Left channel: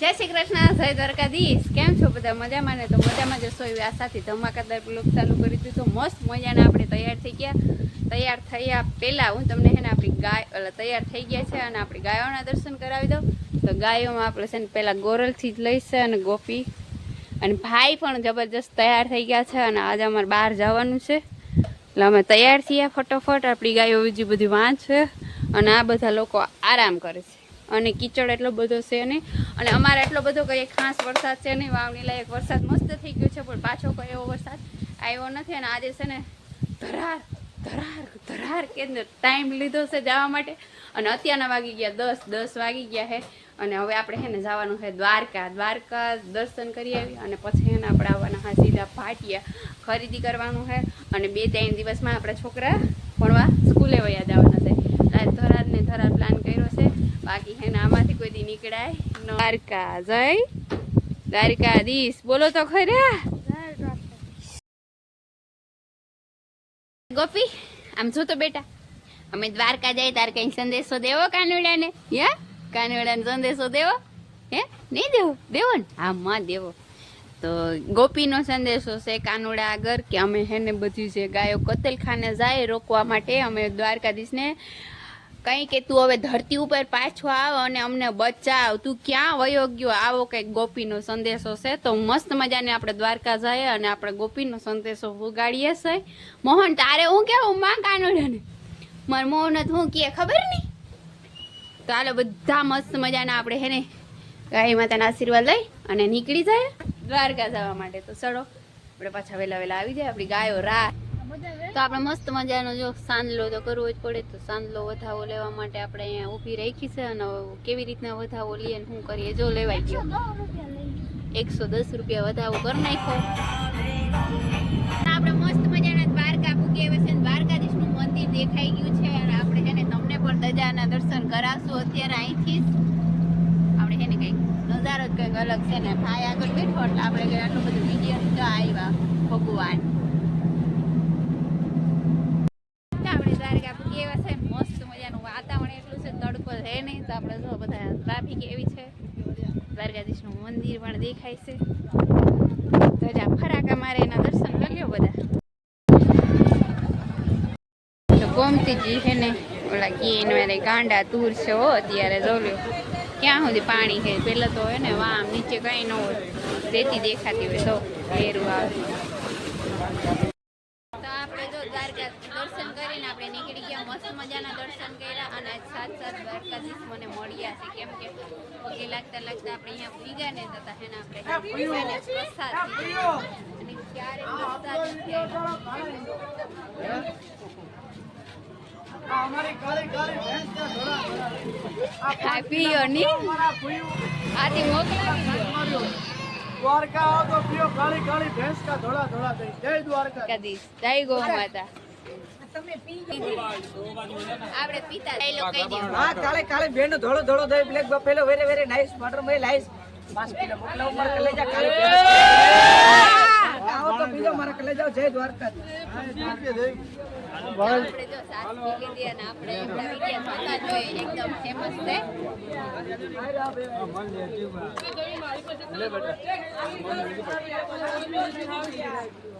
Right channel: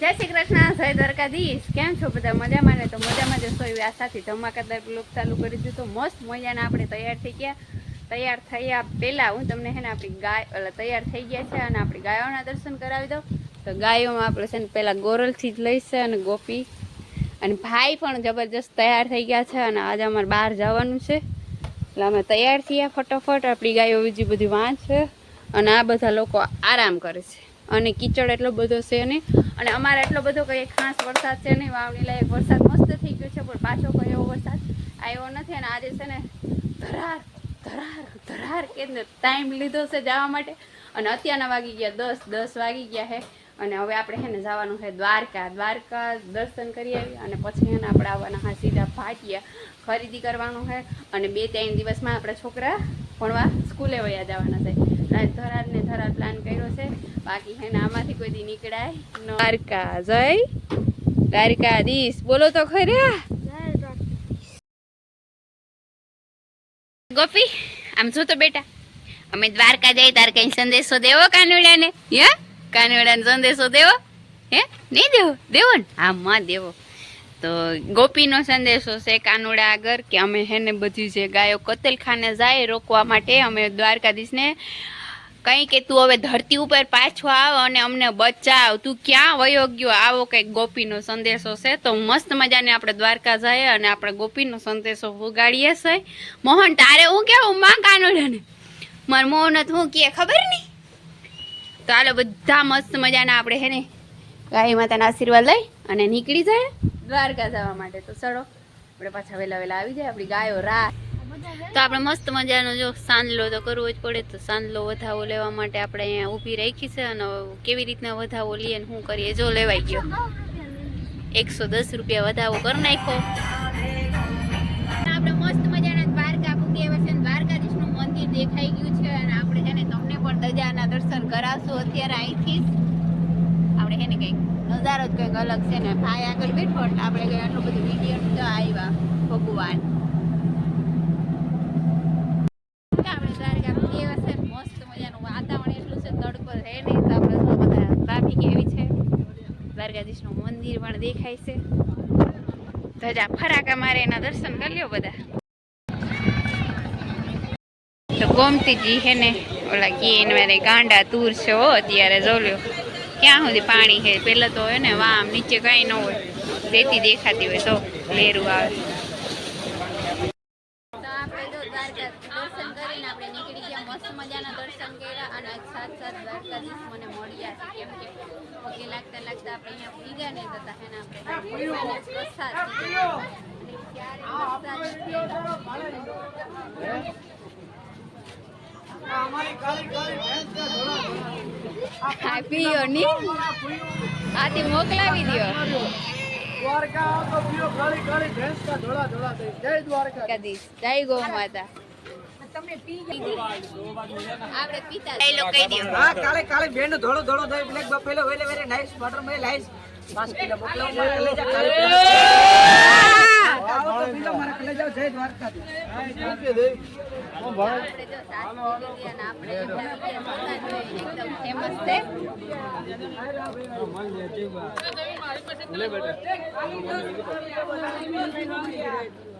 જય શ્રી કૃષ્ણ, જય દ્વારકાધીશ. કેમ છો બધા? મજામાં ને? તો મજામાં જ સોય એવી આશાથી ધમાકાદાર બ્લોગ ચાલુ કરી દીધો. મસ્ત મજાના આપણે તૈયાર થઈ ગયા. તૈયાર થયા પહેલાં હું તમને છે ને આપણી ગાય, એટલે તૈયાર થઈ ગયા છે અને આપણી ગાયોના દર્શન કરાવી દઉં. તો ગાયોમાં આપણે છે ને પહેલાં ગોરલથી જ લઈશ અને ગોપી અને ભાઈ પણ જબરજસ્ત તૈયાર થઈ ગયા છે અને આજે અમારે બહાર જવાનું છે. એટલે અમે તૈયાર થયા ફટોફટ. આપણી ગાયો બીજી બધી વાંચ છે અને આ બધા લોકો આરામ કરે છે. અને કીચડ એટલો બધો છે નહીં. અને અમારે એટલો બધો કંઈ ખાસ વરસાદ છે નહીં. વાવણી લાયક વરસાદ મસ્ત થઈ ગયો છે, પણ પાછો કોઈ એવો વરસાદ આવ્યો નથી. અને આજે છે ને ધરાર ધરાર ધરાર કે ટાઈમ લીધો છે જવા માટે. અને અત્યારના વાગી ગયા દસ દસ વાગી ગયા છે અને હવે આપણે હે ને જવાનું છે દ્વારકા. દ્વારકા દર્શન કરી આવી અને પછી ને આપણે આવવાના હા સીધા ભાટિયા ખરીદી કરવાનું છે અને બે, ત્રણ દિવસમાં આપણા છોકરા ભણવા સ્કૂલે વયા જવાના છે. એટલે થરાદ ને થરાદ પ્લાન કર્યો છે. બાકી હે આમાંથી કોઈ દી નીકળાય. દ્વારકા જય દ્વારકાધીશ બોલો તો ખરા. ગોપી, આમ જો તો બેટા. અમે દ્વારકા જઈ, તાર કઈ સંદેશો દેવો કાનુડાને? હે? કાનુડાને સંદેશો દેવો? હે? નહીં દેવો? દેવો ને? હા માં દેવો. તો ગોપીનો સંદેશો છે કાનુડા આગળ કે અમે હેને બધી જે ગાયો કતલખાને જાય રોકવા માટે અમે દ્વારકાધીશને કંઈ કે તું હવે ધરતી ઉપર પાછો આવ અને અમને બચાવ. તું ક્યાં વયો ગયો આવો કંઈક ગોપીનો સંદેશો છે. તો મસ્ત મજાને આપણે દ્વારકા જઈએ અને આપણે ગોપીનો સંદેશો ઉગાડીએ છે. મોહન, તારે હું કેવું? માં કાનુડાને. માર મોહન હું કે ખબર નહીં? તો હાલો બધા મસ્ત મજાના આપણે હે ને ગાય માતાના આશીર્વાદ લઈ અને નીકળી જાય દ્વારકા જવા માટે. તો ચડો આપણે પાછા વહેલા વહેલા આવી જાય, આપણી ગાયો રા તો આપણે મસ્ત મજાનો જો સાંદલો તો કરવો જ પડે, તો સાંદલો વધાવો લેવા માટે આપણે અહીંયા ઊભી રાખી છે અને કેવી રીતના વધાવો લઈએ ને શું કરીએ, જો લેવાઈ ગયો. એકસો દસ રૂપિયા વધાવો કરી નાખ્યો. આપણે મસ્ત મજાના દ્વારકા પૂગી આવ્યા છે દ્વારકાધીશનું મંદિર દેખાઈ ગયું છે અને આપણે છે ને તમને પણ દજાના દર્શન કરાવશું અત્યારે અહીંથી જ. છે ને કંઈક નજારો જ કંઈક અલગ છે ને. ભાઈ આગળ બેઠો એટલે આપણે આટલું બધું વીડિયો તો આવ્યા ભગવાન. દ્વારકા પૂગી છે મસ્ત મજાનું વાતાવરણ એટલું છે, તડકો છે નહીં તો આપણે બધા ટ્રાફિક એવી છે. દ્વારકાધીશનું મંદિર પણ દેખાય છે. તો ફરાકા મારે એના દર્શન કરી બધા. તો ગોમતીજી હે ને, ઓલા એને ગાંડા તૂર છે હો, અત્યારે જોલ્યો ક્યાં સુધી પાણી છે? પહેલાં તો હે ને વામ નીચે કાંઈ ન હોય. રેતી દેખાતી હોય તો લેરું આવે. તો આપણે જો દ્વારકા દર્શન કરીને આપણે નીકળી ગયા મસ્ત મજાના દર્શન કર્યા અને આજ સાત સાત દ્વારકાધીશ મને મળ્યા છે. કેમ કે પગે લાગતા લાગતા આપણે અહીંયા પૂરી ને હે આપણે ભગવાને પ્રસાદ દીધો. અને ક્યારે પ્રસાદ નથી આ પીયો ની આથી મોકલાવી દો દ્વારકા તો પીઓ કાળી કાળી ભેંસ કા ધોળા ધોળા થઈ. જય દ્વારકા. કદીશ જય ગૌ માતા. આપણે પીતા ડાયલોગ કહી દો હા કાળી કાળી ભેંસ ધોળો ધોળો દહીં black buffalo very very nice butter મે મોકલાવો મારા કાળી ફેમસ છે.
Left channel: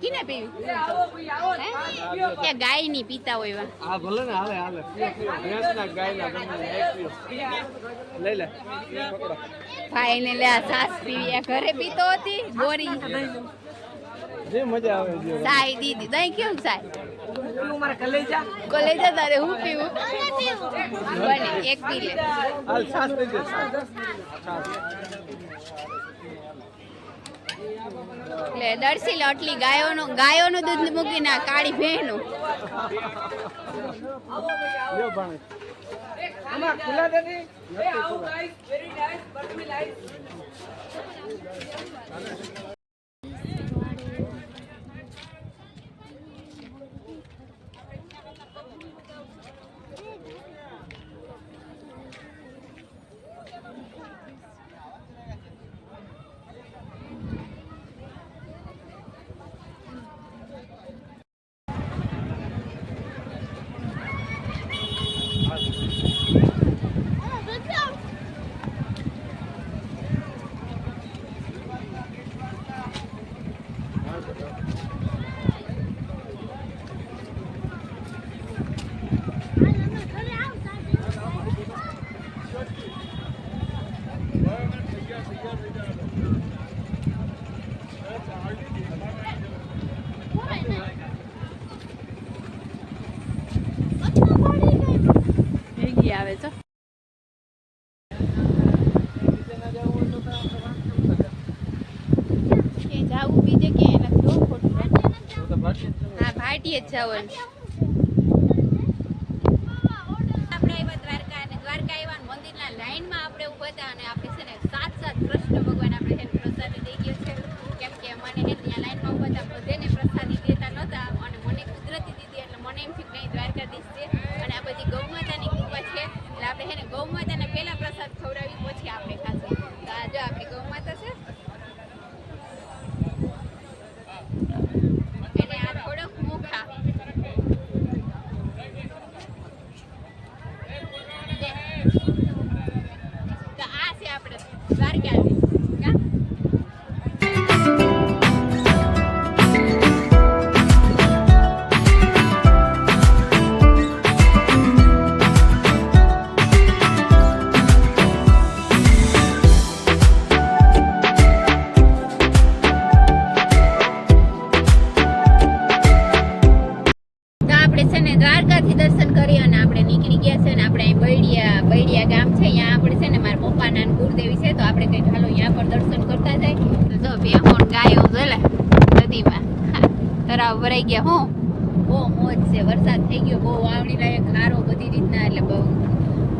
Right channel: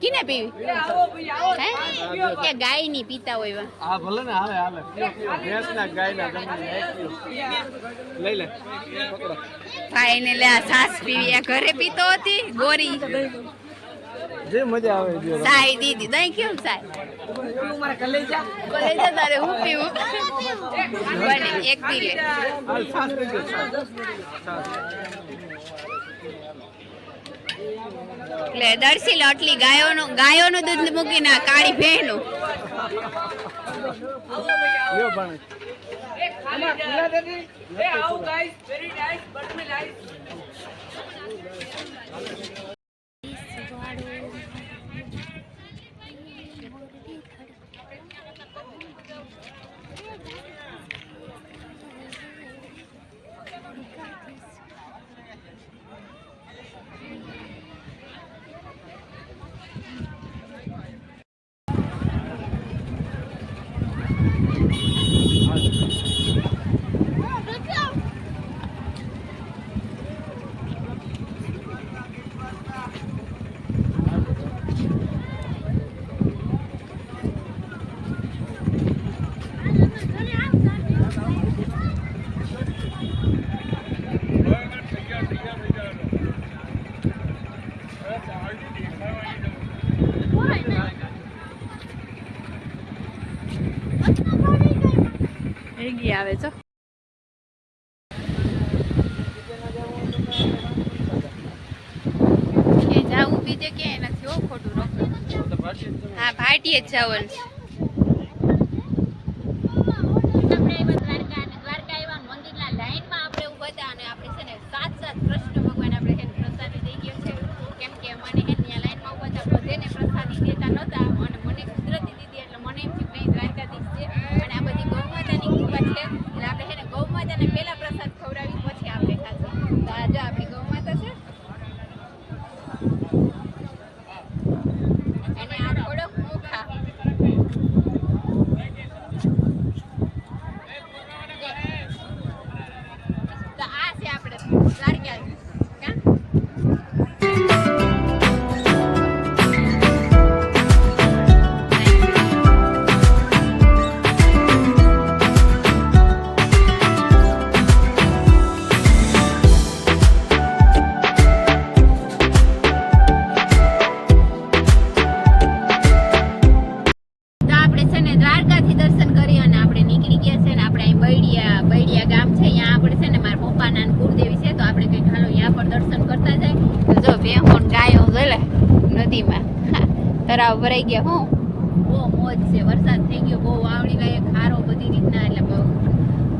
કિને પીવી? હે? કે ગાયની પીતા હોય એવા? હા ભલે ને હાલે હાલે. ભેંસ ના ગાય ના લઈ લે ભાઈ ને લે. આ સાસ પીવી. આ ઘરે પીતો હતી? ગોરી? જે મજા આવે જે સાઈ દીદી. દહીં કેમ સાઈ? પેલું મારા કલેજા કોલેજ તારે હું પીવું? બને એક પી લે હાલ સાસ લઈ એટલે દર્શી આટલી ગાયોનું ગાયોનું દૂધ મૂકીને ના કાળી ભેંનું. ખુલ્લા દેતી મેગી આવે છે. કે જાવું બીજે ક્યાંય નથી હો ખોટું હા ભાટીએ જ જવાનું છે. આપણે આવ્યા પપ્પાના છે, તો આપણે કંઈક હાલો ત્યાં પણ દર્શન કરતા જાય. તો જો બે હોણ ગાયો જોલે નદીમાં. તરાવ ભરાઈ ગયા, હું. બહુ મોજ છે, વરસાદ થઈ ગયો, બહુ વાવણી લાયક ખારો બધી રીતના, એટલે બહુ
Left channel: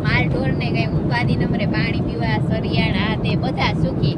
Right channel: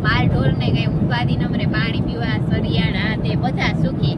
માલ ઢોર ને કઈ ઉપાધિ નમરે પાણી પીવા સરિયાળ આ તે બધા સુખી.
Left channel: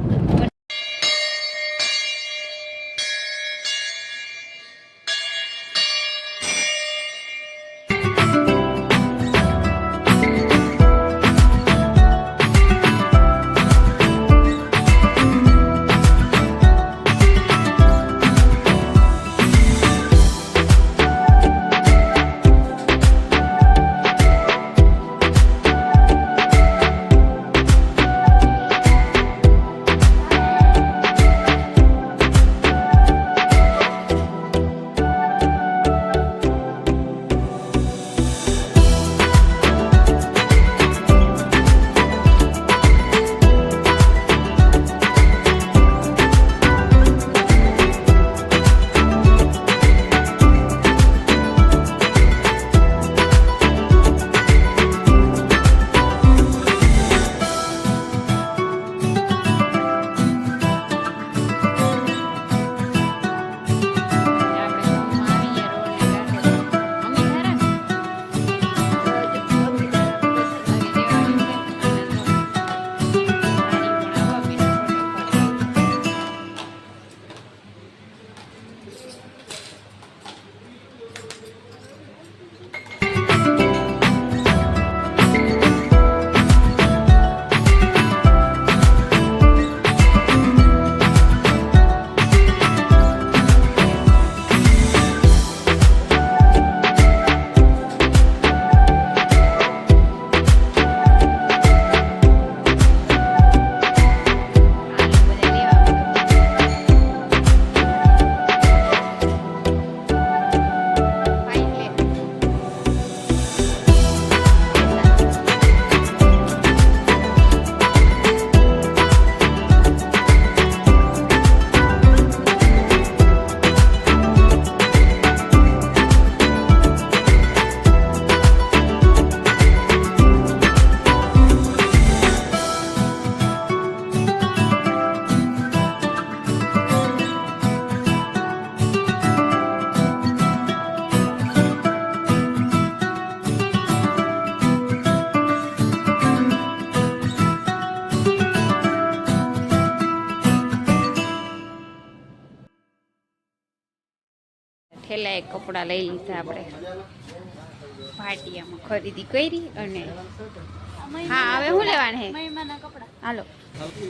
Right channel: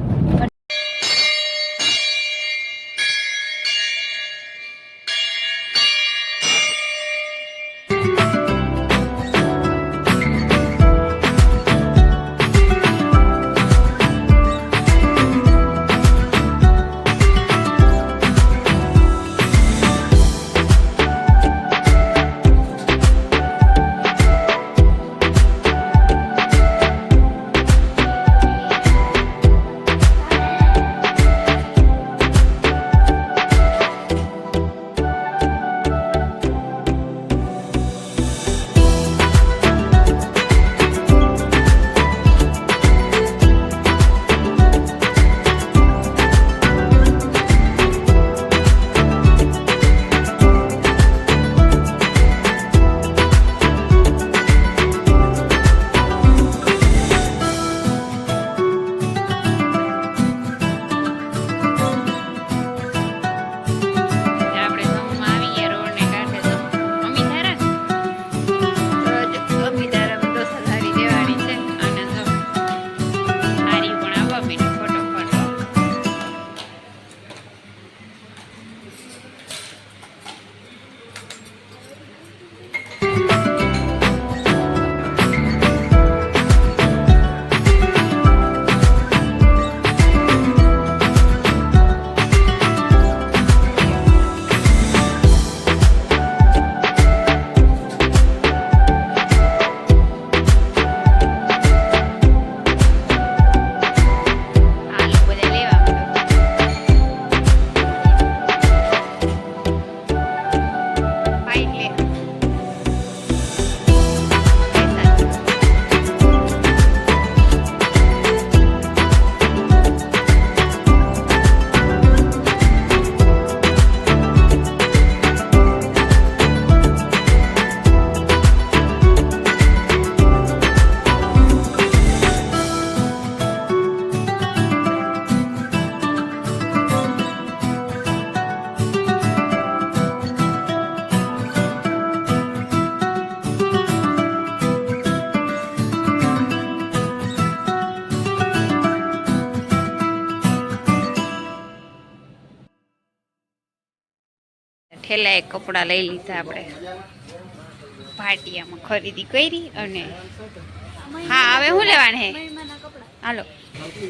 ઠેલા એક કપડાં લઈ લીધા આપણે. ભાટિયામાં ખરીદી કરી અને હા, હવે શું લેવાનું હે? હાલો.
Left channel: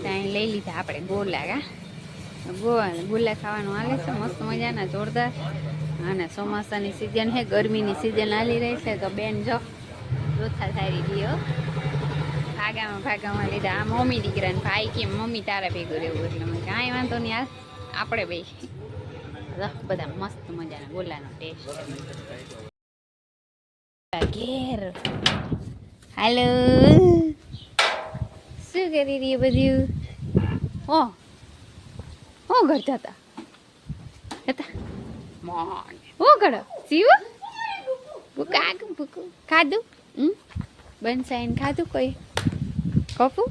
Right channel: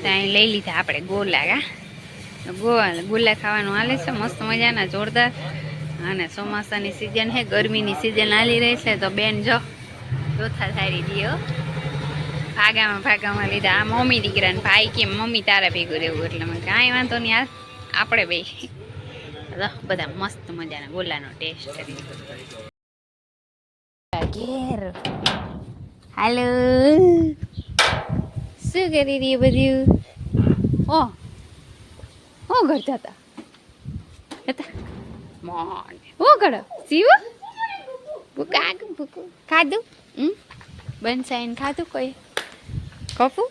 ત્યાં લઈ લીધા આપણે ગોલા કા ગોળ ગોલા ખાવાનું હાલે છે, મસ્ત મજાના, જોરદાર. અને ચોમાસાની સિઝન છે ગરમીની સિઝન હાલી રહી છે, તો બેન જો, ચોથા થારી દીઓ ભાગામાં ભાગામાં લીધા. આ મમ્મી દીકરાને ભાઈ કેમ, મમ્મી તારા ભેગું રહેવું, એટલે મેં કાંઈ વાંધો નહીં આપણે તો બધા મસ્ત મજાના. ગોલાનો ટેસ્ટ ઘેર. હાલો શું કરી રહી બધું? ઓ ઓ ઘર જતા. હતા મોન ઓ કરો શિવ ભૂકા ભૂકું ખાધું? હમ? બનસાઈને ખાધું કોઈ? કપું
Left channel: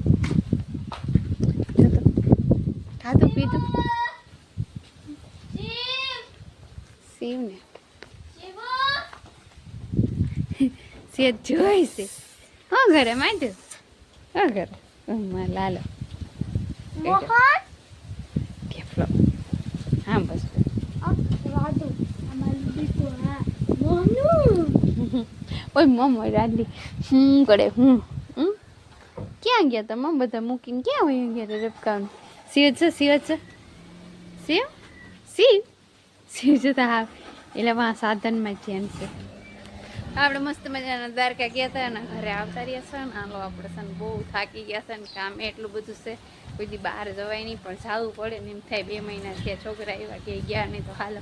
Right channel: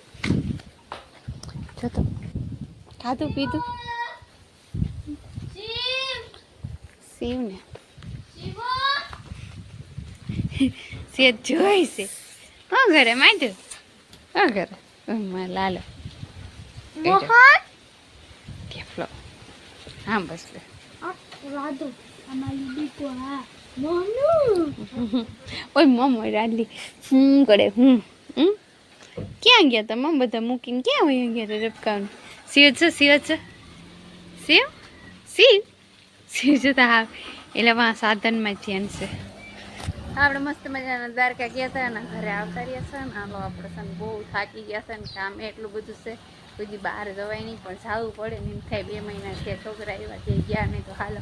ખાધું, પીધું? શિવને સેજ જોઈ છે હા ઘરે માંડ્યું હા ઘરે માં લાલો કેફલો હા બસ ઓય મમ્મ રાડલી હું કરે હું ક્યાં ગયા તા મમ્મ બધા મૂકીને ક્યાં હોય ગયા તા રબકાનું સિવ છે સિવ છે શિવ શિવ શિવ છે તો હા એટલે વાં સાધનમાં ધ્યાન છે. આપણે મસ્ત મજાના દ્વારકા ગયા હતા અને ઘરે આવતા રહ્યા છે ને. હાલો, આપણે છે બહુ થાકી ગયા છે ને. કામ એટલું બધું છે. કોઈ બહાર જવાય નહીં, પણ જવું પડે ને એમ થાય. બે મહિના થયા, છોકરા એવા કે ગયા નહીં તો હાલો.